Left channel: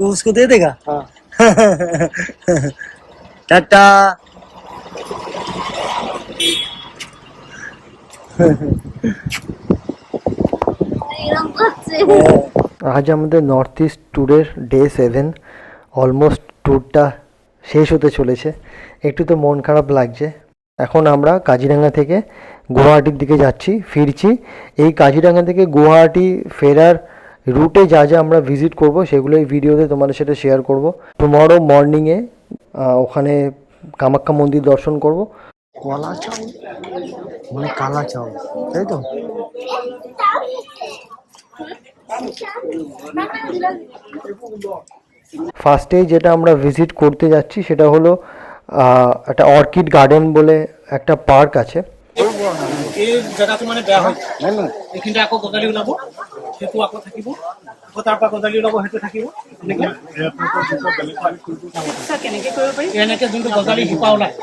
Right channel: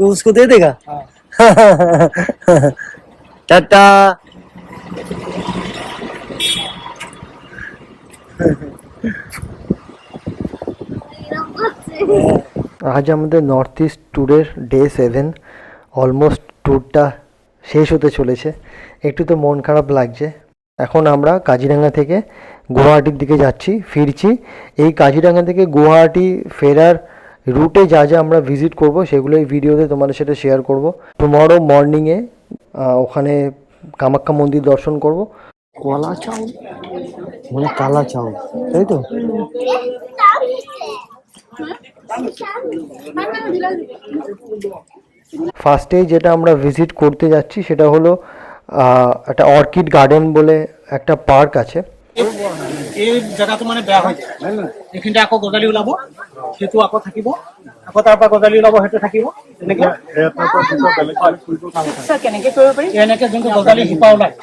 तो उसको दे देगा। हाँ। टाटा। আজ আমাদের নর্থ ইস্ট ট্যুরের ডে 7, অলমোস্ট ট্যুরটা শেষ হতে চলেছে। একটু তো মন খারাপ লাগছে। এখন আমরা কাজিরাঙা থেকে গুয়াহাটির দিকে যাচ্ছি, ফিরছি। এই কাজিরাঙা থেকে গুয়াহাটি ফেরার রুটে যা যা আমরা ভিজিট করব সেগুলো এই ভিডিওতে তোমাদের সাথে শেয়ার করব। টুমরো মর্নিংয়ে ওখানে কামাখ্যা মন্দির দর্শন করব। কলা চাউল মানে কালা চাউল, তাই তো? ফার্স্টেই যেটা আমরা ভিজিট করতে যাচ্ছি সেটা হলো একটা অর্কিড গার্ডেন বলে একটা পার্ক আছে। এই জেগাটো মানে বেয়া হয়, এইখিনিতে আকৌ গজালি ওলাব, সেইটো আকৌ থাকিব, আকৌ তাৰ পৰা গজালি ওলাব, সেইটো থাকিব। এনেকে এনেকে যোনটো গজালি শিপা ওলায়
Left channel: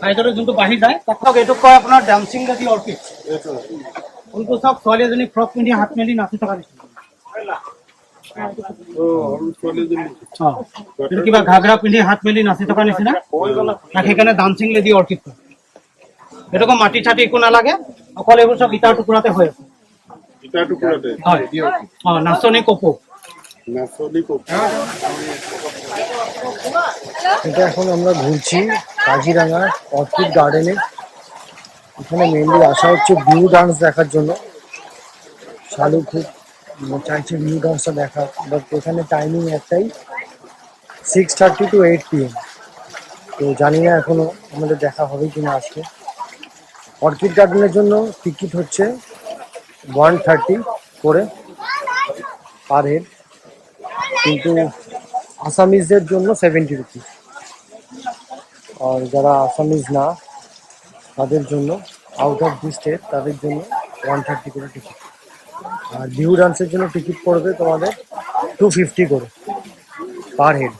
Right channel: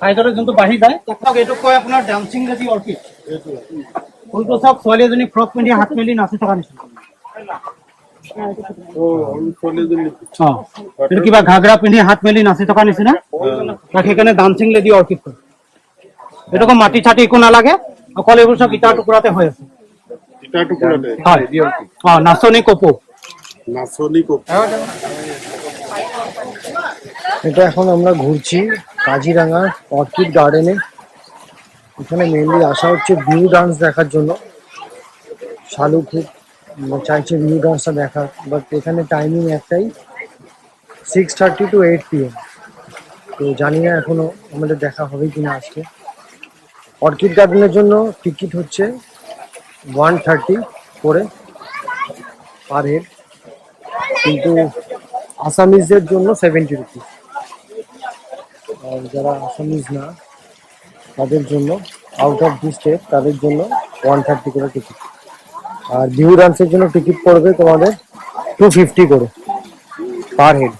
চাইডলৈ যোনটো বাঢ়ি যায় তাক এইটোক কয় আপোনাৰ ডান্সিং লেডি অৰ্কিড। ফুলটো চব ছোৱালী এজনী ফ্ৰক পিন্ধি হাত মেলি নাচি থকা নিচিনা। কিবা ঘাগৰা পিন্ধি হাত মেলি নাচি থকা নিচিনা, তাক সেইকাৰণে ডান্সিং লেডি অৰ্কিড কয়। এটুকু মাটি ছাটি একো নালাগে, অকল এইবোৰ চব ইটাৰ টুকুৰাতে হৈ আছে। নাচনি কপৌ। এটা এখন আমরা ঘুরছি কাজিরাঙার অর্কিড গার্ডেনে। এখানে মেনলি আসা হচ্ছে ভিউ ডান্স দেখার জন্য। শালু খুব চাইছে ভিউ ডান্সটা দেখার, বাট এখানে টাইমিং একটাই, 6:30 to 8 PM। তো জানি না এখনো আমাদের দেখা হবে কিনা আজকে। অর্কিড গার্ডেনের জন্য টিকিট হচ্ছে 130 করে পার হেড, কিন্তু আসামিজদের জন্য 70 রুপিস। আর যারা আসামিজ না তাদের জন্য, আউট অফ দি স্টেট, তাদের জন্য 130 করে টিকিট। আর ভিউ ডান্সের জন্য টিকিট পড়বে তোমাদের 250 করে পার হেড।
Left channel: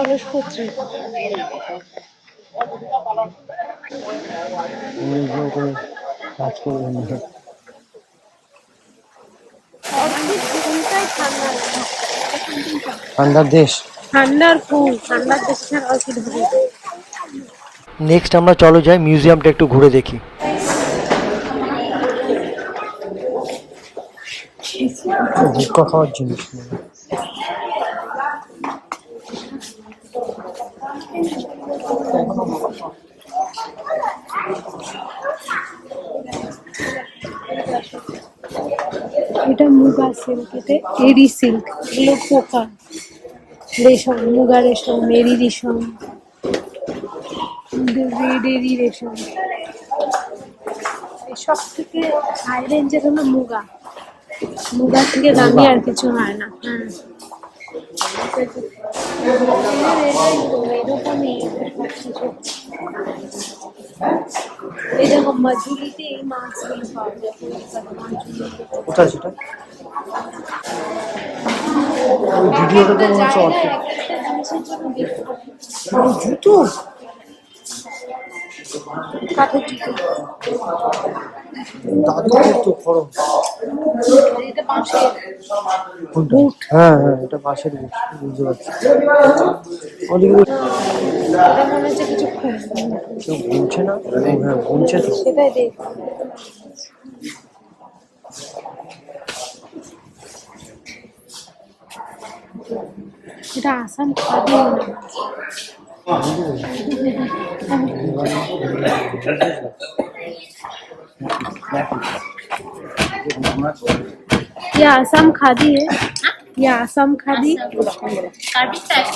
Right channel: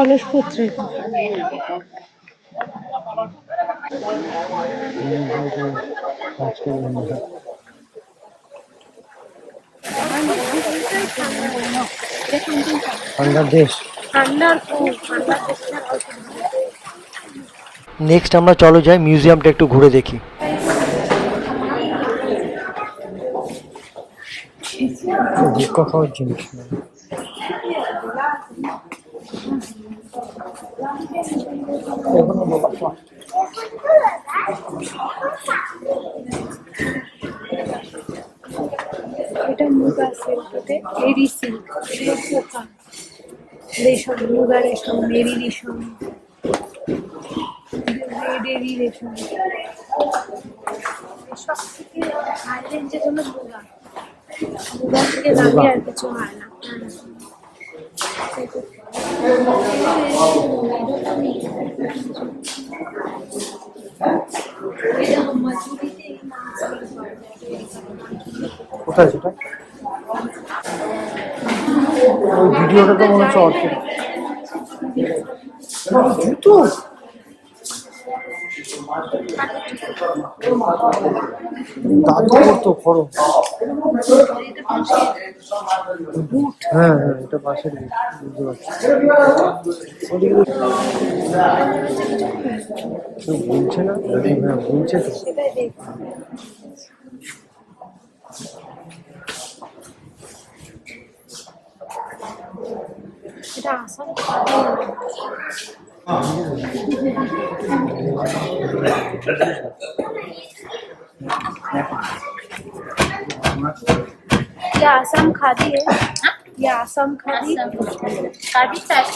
অলস পত্রিকা ঠান্ডার দেশ, ঠান্ডার ফুল, ঠান্ডার দেশের অর্কিড হবে। নেক্সট আমরা চলো যাই মিউজিয়ামটা একটু ঘুরে দেখি। ভুক্কা খাওয়ার জিনিস এটা মুগা সিল্ক, এটা এরি সিল্ক, এগুলো পোকা রেশম, মুগা রেশম, এরি রেশম, এরি রেশম। সব থেকে হাই রেঞ্জের হলো মুগা, মুগা থেকে দামি আর কিছু হয় না। কোথায় সেটা? ওই ভিডিওটা তো মনে হচ্ছে অর্কিড। জুতো দাদু করতো খরচ। বুট, হ্যাঁ হ্যাঁ, এটা বাঁশের বুট, বুঝতে পারছি। কেউ বুনছে না? হ্যাঁ বুনছে তো। এটা আসাম খাদি। ये आसाम खादी है, ये आसाम खादी काफी टाइप।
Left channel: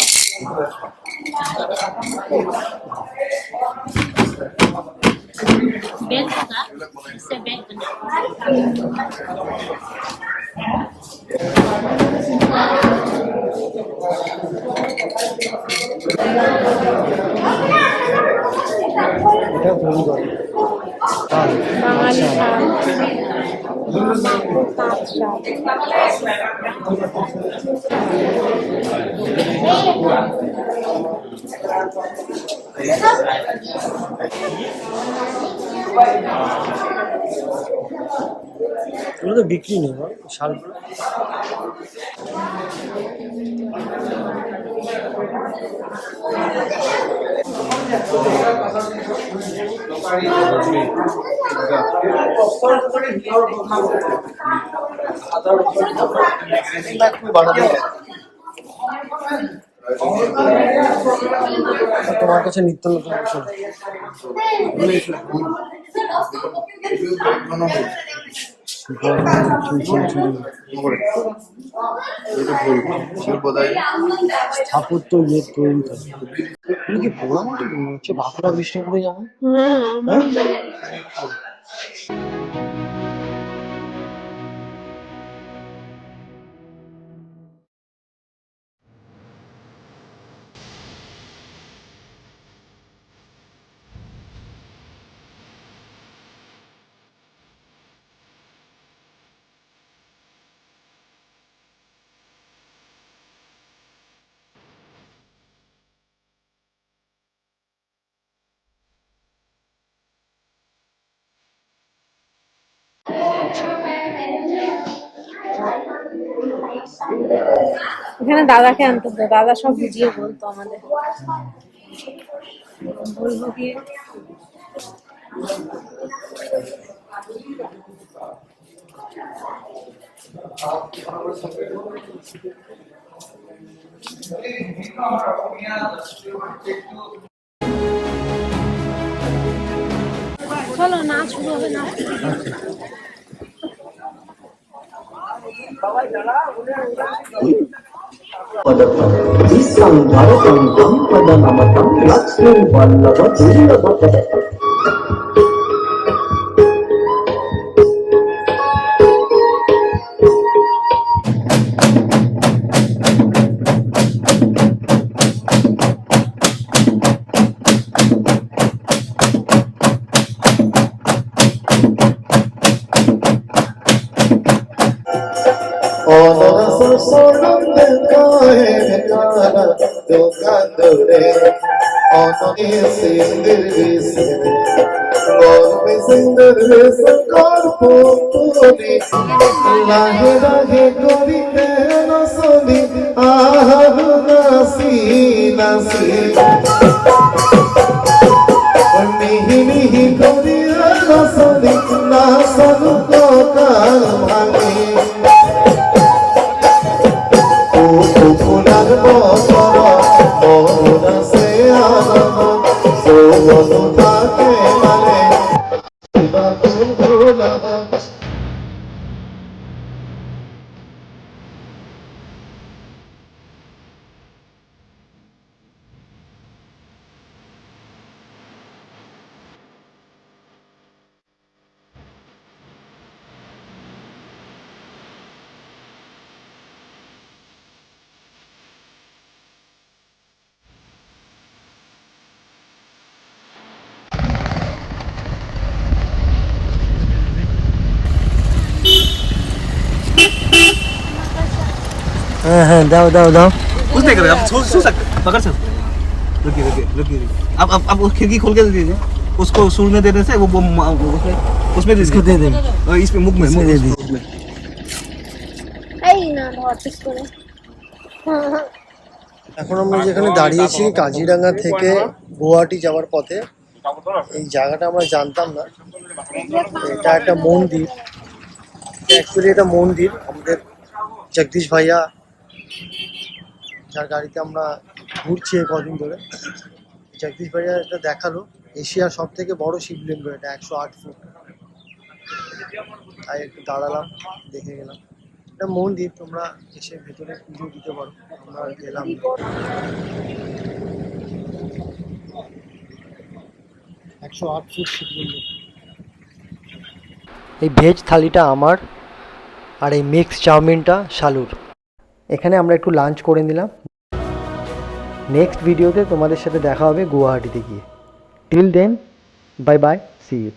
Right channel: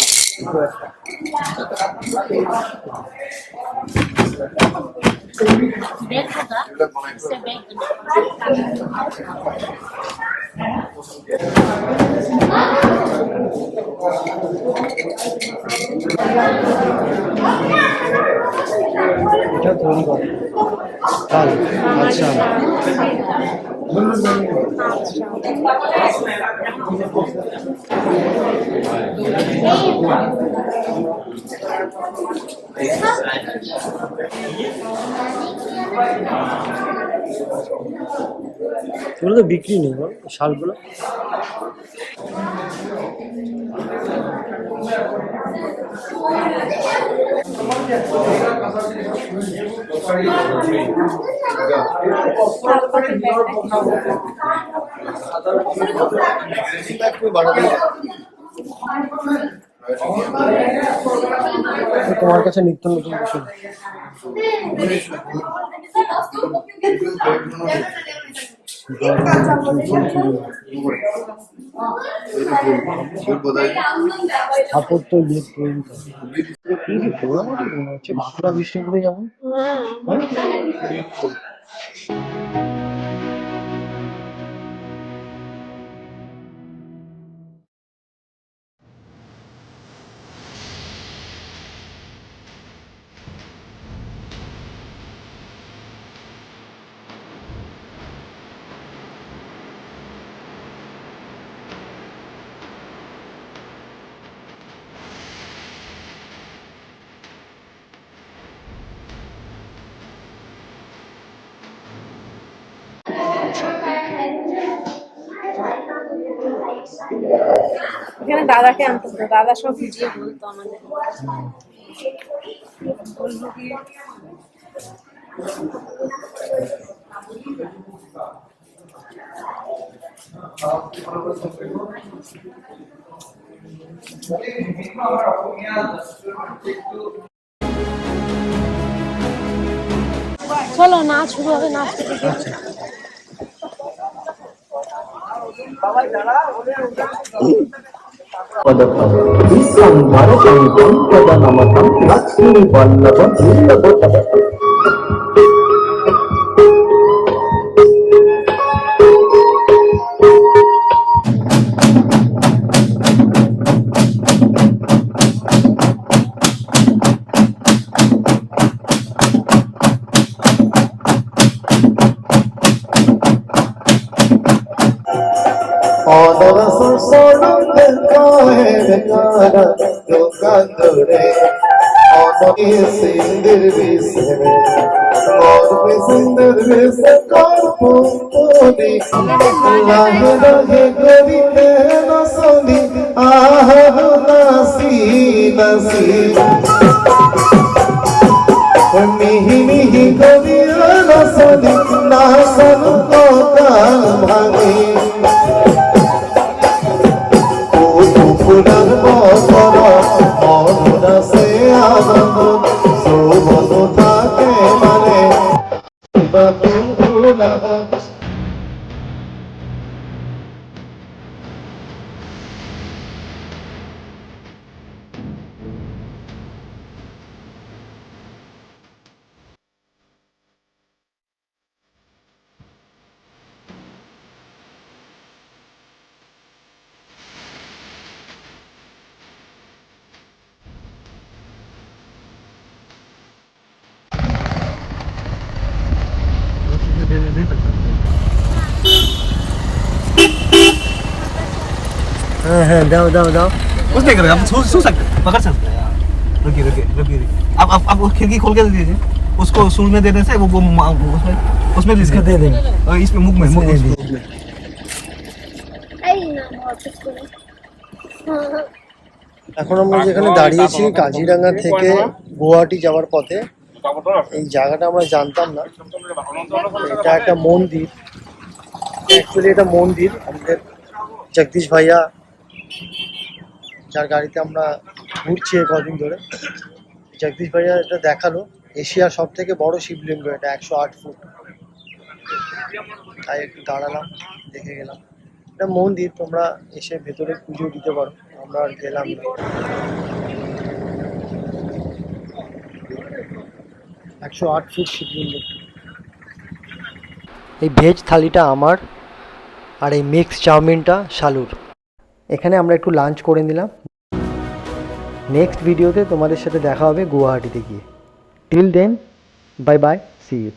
बेल होगा, इससे बेल এটা তৈরি করে তাল। আচ্ছা, এগুলো তো বিক্রি নেই বল শালগুলো। তোমার কাছে নিত্য নতুন কিছু স্থাপত্য ইয়ে তৈরি করে। তুমি কি পোড়ামাটি মনে হচ্ছে বাঁকুড়া বিষ্ণুপুরে যেমন। হ্যাঁ? এখানে দাদাকে আনতে হতো, দাদা সব বুঝিয়ে বলতো আমাদের। বলবো গিয়ে চলো নাচ শুরু হবে, নাচ আচ্ছা, মিহি মিহি করিয়া রসদি না সরু কাল ভাঙে ফুলের বসর মনসে আনন্দ সৌবন থাকে মানে ভুলা। হ্যাঁ হ্যাঁ, দাও দাও দাও। कुछ नहीं कर रहे, आप छू सकते, पकड़ सकते। रुकिए रुकिए रुकिए, आप वो खिड़की खोल के दे दीजिए, उसको सूंघने देने से वो उसमें इसको दे देंगे। और इसमें मुख में इसमें दे दीजिए। उसमें। এই না অফিস করে। এখন আমরা যেখানে দাঁড়িয়েছি কাজিরাঙ্গা থেকে গুয়াহাটি যাওয়ার পথে। এই জায়গাটা আমরা জানতাম না, এটা একটা মন্দির। অ্যাকচুয়ালি এটা মন্দির আমাদের জগদীশ ভাইয়া, যার গাড়িতে আমরা ঘুরছি এই কদিন ধরে, জগদীশ ভাইয়া এটা দেখালো এশিয়ার সব থেকে বড় শিবলিঙ্গ, এটা 108 ফুট। তাই একটু দাঁড়ালাম, দেখে গেলাম। এটা মন্দির, তোমরা এসে ভেতরে পুজো দিতে পারো, আমরা আর গেলাম না। 108 ফুট শিবলিঙ্গ। এই ভেজ থালিটা আমার, আর এই মিক্স চাউমিনটা শালুর। এখানে আমরা একটু লাঞ্চ করে নিলাম। নেক্সট ভিডিওতে তোমাদের সাথে দেখা হবে গুয়াহাটিতে গিয়ে। Till then, bye bye, see you.